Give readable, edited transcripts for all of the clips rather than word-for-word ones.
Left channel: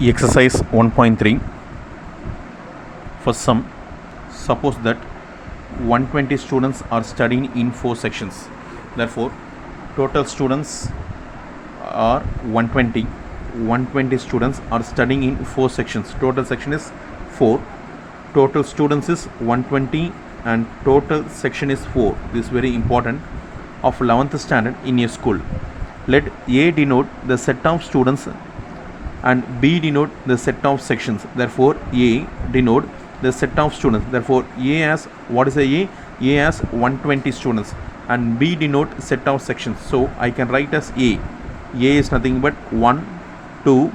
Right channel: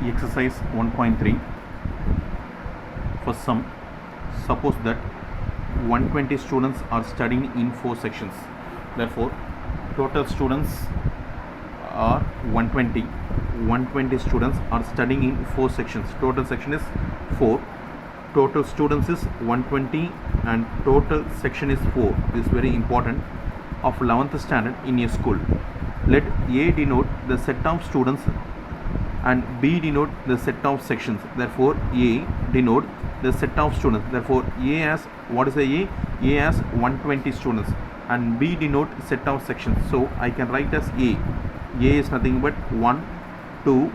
Exercise 1.3. For some, suppose that 120 students are studying in 4 sections. Therefore, total students are 120. 120 students are studying in 4 sections. Total section is 4. Total students is 120 and total section is 4. This is very important. Of 11th standard in a school. Let A denote the set of students and B denote the set of sections. Therefore, A denote the set of students. Therefore, A has, what is a A? A has 120 students and B denote set of sections. So, I can write as A. A is nothing but 1, 2,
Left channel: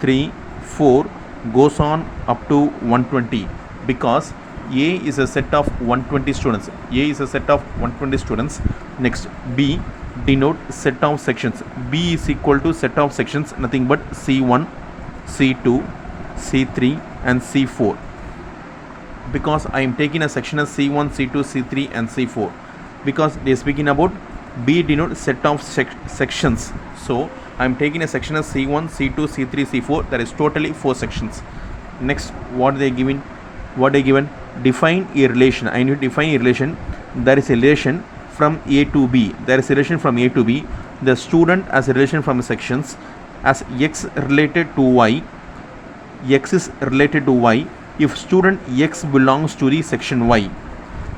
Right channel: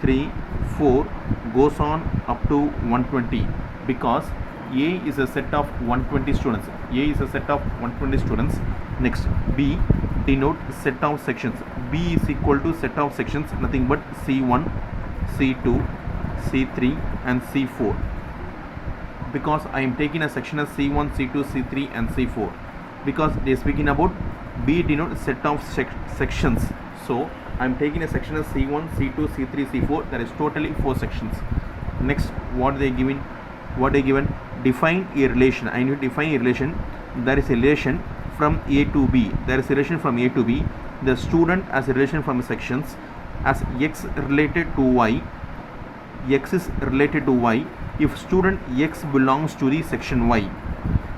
3, 4 goes on up to 120 because A is a set of 120 students. A is a set of 120 students. Next, B denote set of sections. B is equal to set of sections, nothing but C1, C2, C3 and C4. Because I am taking a section as C1, C2, C3 and C4. Because they are speaking about B denote set of sections. So, I am taking a section as C1, C2, C3, C4. That is totally 4 sections. Next, what they given? What they given? Define a relation. I need to define a relation. There is a relation from A to B. There is a relation from A to B. The student as a relation from the sections as X related to Y. X is related to Y. If student X belongs to the section Y,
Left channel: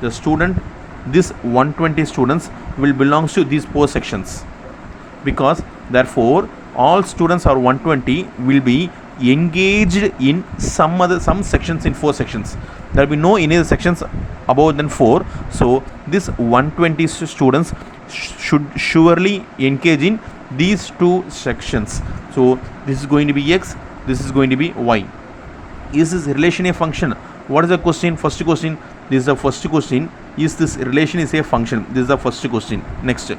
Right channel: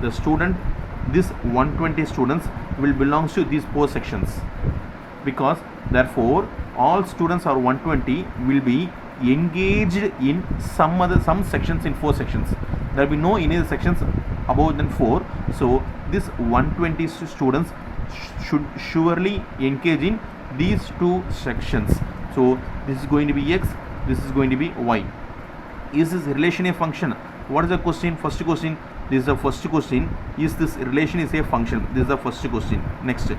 the student, this 120 students will belongs to these 4 sections. Because therefore, all students are 120 will be engaged in some sections in 4 sections. There will be no any other sections above than 4. So this 120 students should surely engage in these 2 sections. So this is going to be X, this is going to be Y. Is this relation a function? What is the question? First question. This is the first question. Is this relation is a function? This is the first question. Next,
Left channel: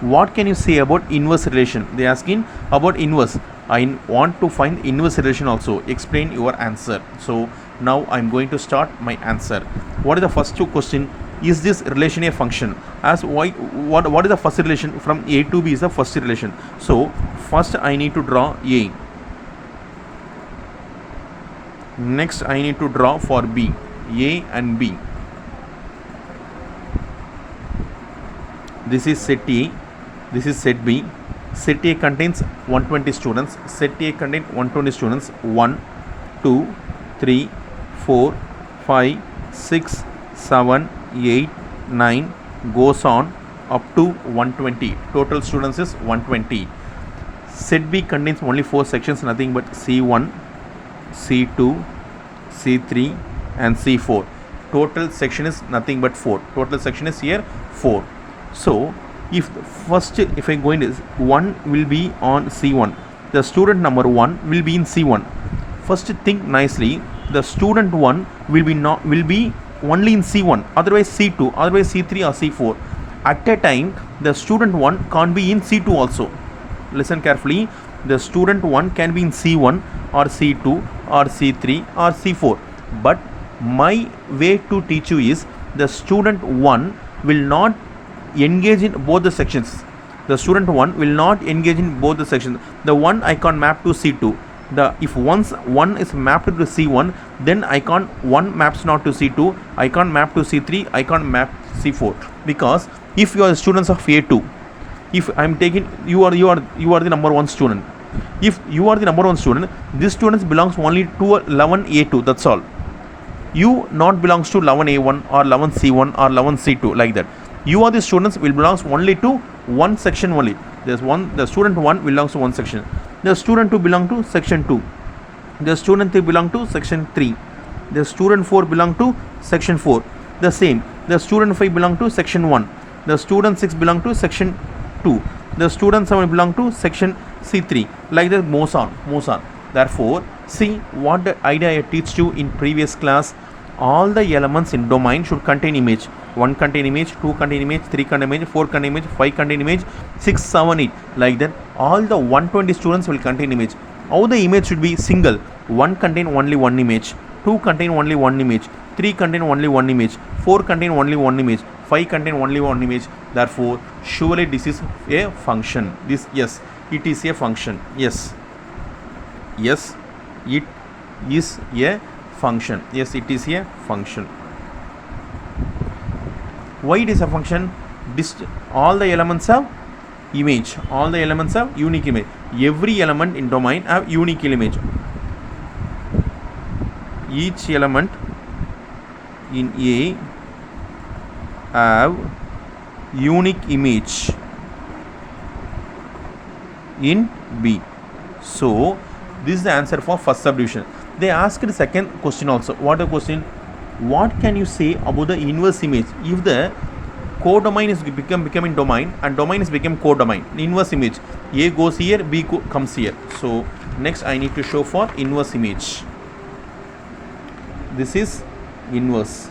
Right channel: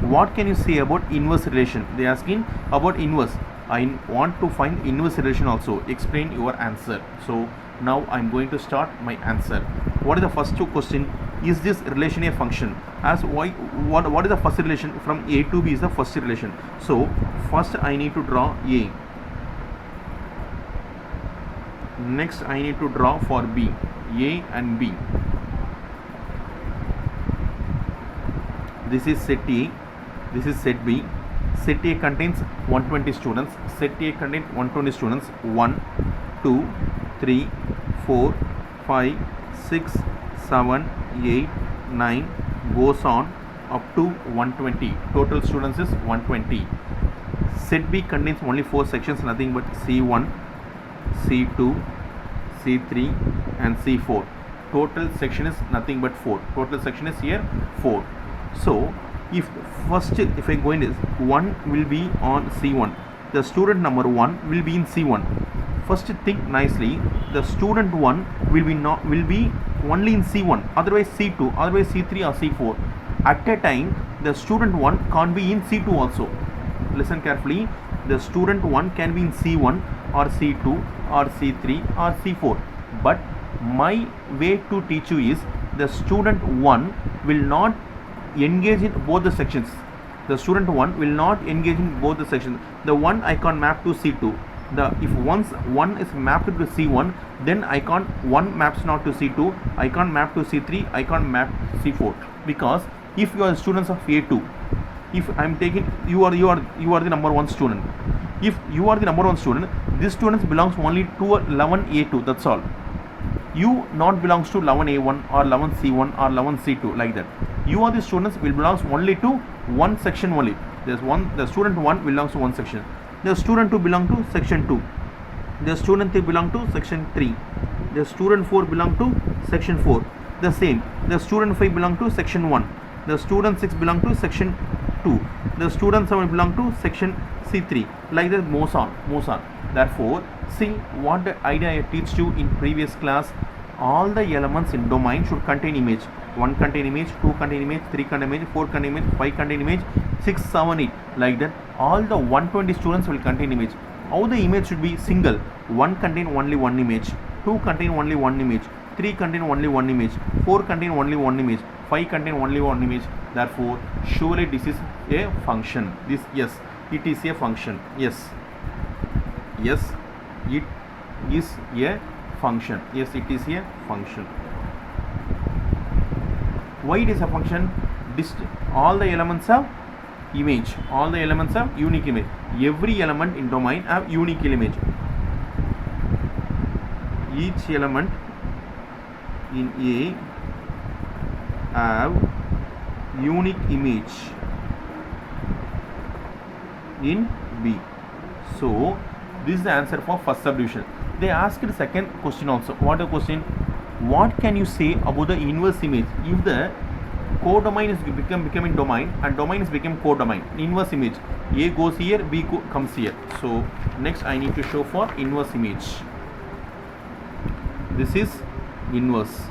what can you say about inverse relation? They are asking about inverse. I want to find inverse relation also. Explain your answer. So now I am going to start my answer. What is the first question? Is this relation a function? As why? What is the first relation? From A to B is the first relation. So first I need to draw A. Next I need to draw for B. A and B. This is set A. This is set B. Set A contains 120 students. Set A contains 120 students. 1, 2, 3, 4, 5, 6, 7, 8, 9 goes on up to 120. Total students is 120. Set B contains only 4 sections, nothing but C1, C2, C3 and C4. Total section is nothing but 4. Total section is here 4. So, if I go in this, 1 will be on C1. The student number 1 will be in C1. First think nicely. The student 1 will be only in C1. Otherwise C2. Otherwise C3 or C4. At a time, the student 1 can't be in C2 also. Listen carefully. The student 1 can be in C1 or C2 or C3 or C4. But my way to teach you is the student 1 will not engage in both the sections. The student 1 will not engage in both the sections. The one I can't map to C2. If once 1 is mapped to C1, then I can't, 1 maps not to C2, I can't map to C3, I can't map C4. Because if you are students of A2, if I am taking, you are the number 1 student. If you are the number 1 student, this student belongs only to 11A2, that's all. You not belongs to 11A1 or 11C1 or 11C2 like that. You are the students will belongs only to one section only. The student 1 belongs to one section. The student 2 belong to section 2. The student 3 belong to section 3. The student 4 belong to section 4. The same. The student 5 belong to section 1. The student 6 belong to section 2. The student 7 belong to section C3. Like that moves on. Therefore, see what the idea I teach you in previous class. All the elements in domain should contain image. 1 contain image, 2 contain image, 3 contain image, 4 contain image, 5 contain image, 6, 7, 8. Like that, all the 120 students will contain image. How the image should be single. 1 contain only 1 image, 2 contain only 1 image, 3 contain only 1 image, 4 contain only 1 image, 5 contain only 1 image. Therefore, surely this is a function. This, yes, it is a function. Yes. It is a function. Yes, it is a function. Why it is a function? All the elements have image. All the elements have unique image. Every element in domain have unique image. Each element in A have unique image in B. So this is the answer for first subdivision. They asked the second question also. What the question? What can you say about the inverse image if the codomain is becoming domain and domain is become codomain? Inverse image, A goes here, B comes here. So next I need to show for inverse image. This is inverse.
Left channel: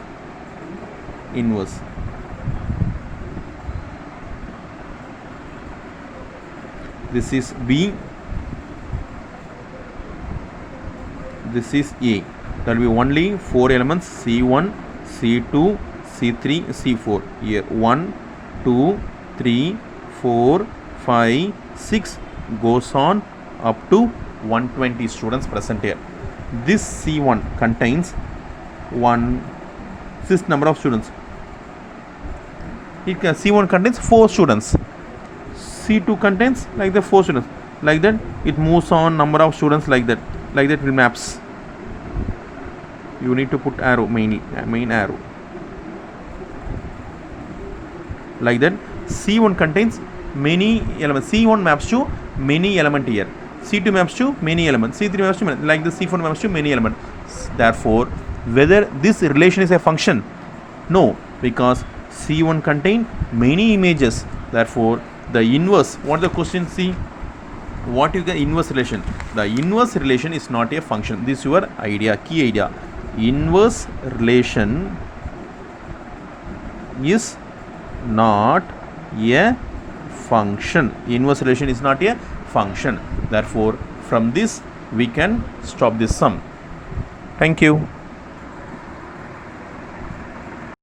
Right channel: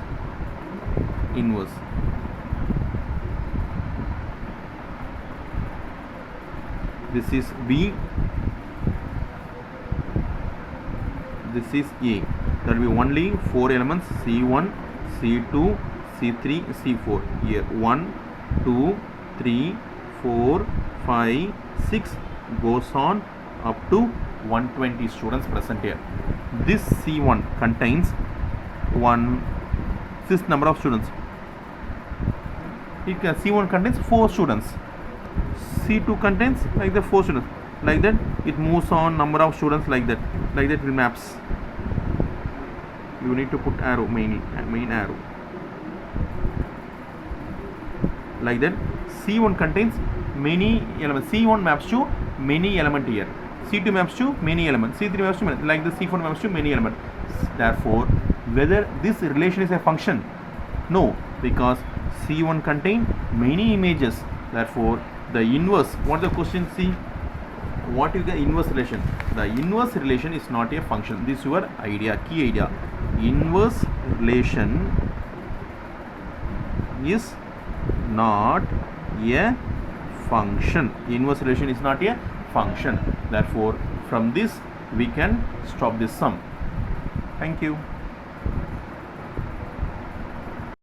This is B. This is A. There will be only 4 elements: C1, C2, C3, C4. Here 1, 2, 3, 4, 5, 6 goes on up to 120 students present here. This C1 contains this number of students. C1 contains 4 students. C2 contains like the 4 students. Like that it moves on number of students like that. Like that it maps. You need to put arrow, main arrow. Like that C1 contains many elements. C1 maps to many element here. C2 maps to many elements. C3 maps to many, like the C4 maps to many elements. Therefore, whether this relation is a function? No, because C1 contain many images. Therefore, the inverse, what the question see? What is the inverse relation? The inverse relation is not a function. This is your idea, key idea. Inverse relation is not a function. Inverse relation is not a function. Therefore, from this we can stop this sum. Thank you.